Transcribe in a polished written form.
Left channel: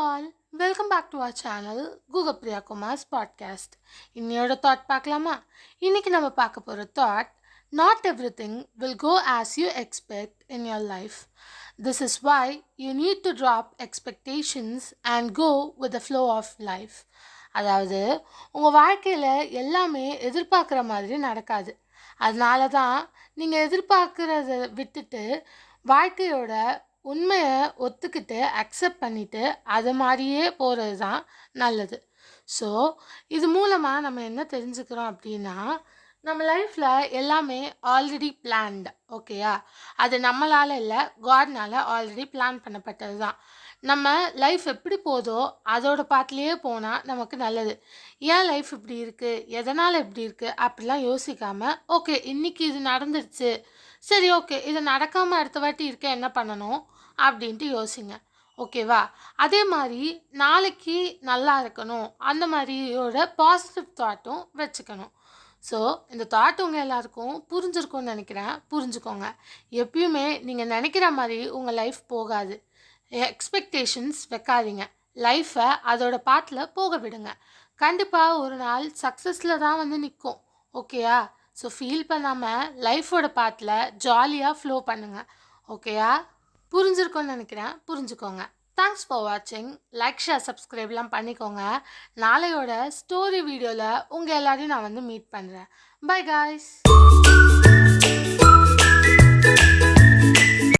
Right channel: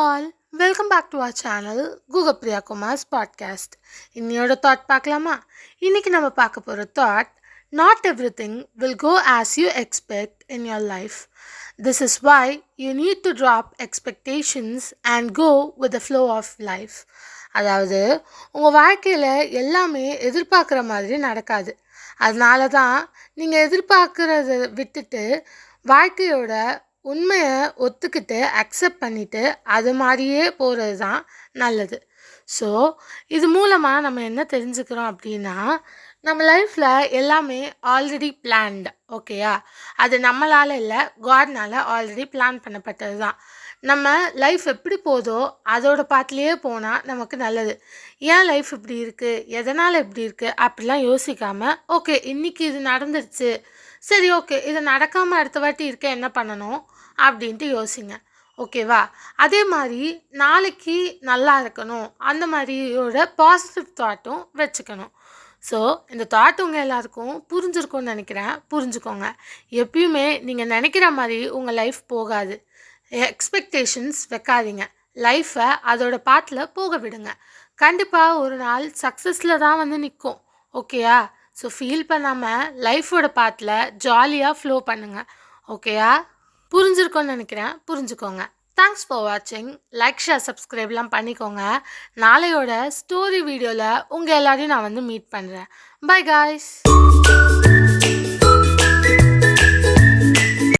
all, welcome back to our channel Google Priya Kumar's podcast. இன்னையோட thought பார்க்கலாமா? இன்னைக்கு நம்ம பார்க்க போகிற thought, not everything will go as you expect in your life. This is why you need to drop expectations and go with the flow of life. அதாவது உங்கள் வாழ்க்கையில் எல்லாமே எதிர்பார்க்குற மாதிரி நடக்காது. அதனால தான் நீங்கள் எதிர்பார்க்குறத விட்டுட்டு வாழ்க்கையோட உண்மையை ஒத்துக்கிட்டு அக்செப்ட் பண்ணிவிட்டு அது மாதிரியே போகிறது தான் நல்லது. ஸோ இது மூலமாக நம்ம என்ன தெரிஞ்சுக்கிறோம் அப்படின்னா, நம்ம லைஃப்பில் எல்லாமே ஆல்ரெடி பிளான்டு. ஓகேயா? அது நம்மளால் இல்லை, காட்னால் ஆல்ரெடி பிளான் பண்ணப்பட்டது தான். நம்ம லைஃப் எப்படி போதோ அதோட பாத்துலேயே போனால் நமக்கு நல்லது. ஏன் லைஃப் இப்படி இருக்குது, எதனால் இப்படி இருக்குது அப்படிலாம் யோசிக்காமல், ஓகே இன்றைக்கி இது நடந்துடுச்சு, சரி ஓகே இது நடக்காமல் அடுத்த வாட்டி இருக்க என்ன பண்ணணும் அப்படின்ட்டு யோசிங்க. ஓகேவா? அதே மாதிரி நாளைக்கு நல்லா இருக்கணும், அந்த மாதிரியோட பாசிட்டிவ் தாட்டும் வச்சுக்கணும். ஸோ இந்த தாட் உங்கள் எல்லாருக்கும் புரிஞ்சிருக்கும்னு நினைக்கிறேன். புரிஞ்சுக்கோங்க. எப்பயுமே நீங்கள் நினைக்கிற மாதிரி உங்கள் லைஃப் போகாது. எக்ஸ்பெக்டேஷன்ஸ் வைக்காதீங்க. லைஃப்பை அதோட பாத்தில் போக விடுங்க. கண்டிப்பாக ஒரு நாள் சக்ஸஸில் தான் வந்து நிற்கும். ஓகேயா? ஸோ ஃபீல் பண்ணாமல் லைஃபோட பாத்தில் ஜாலியாக ஃப்ளோ பண்ணுங்கள். ஓகேயா? புரிஞ்சிருக்கோன்னு நினைக்கிறேன். புரிஞ்சுக்கோங்க. தேங்க்ஸ் ஃபார் வாட்சிங். லைக், ஷேர், சப்ஸ்கிரைப்லாம் பண்ணிக்கோங்க. நாளையோட ஸ்டோரி வீடியோவில் உங்கள் எல்லாரையும் நான் வந்து மீட் பண்ணுறேன். By guys.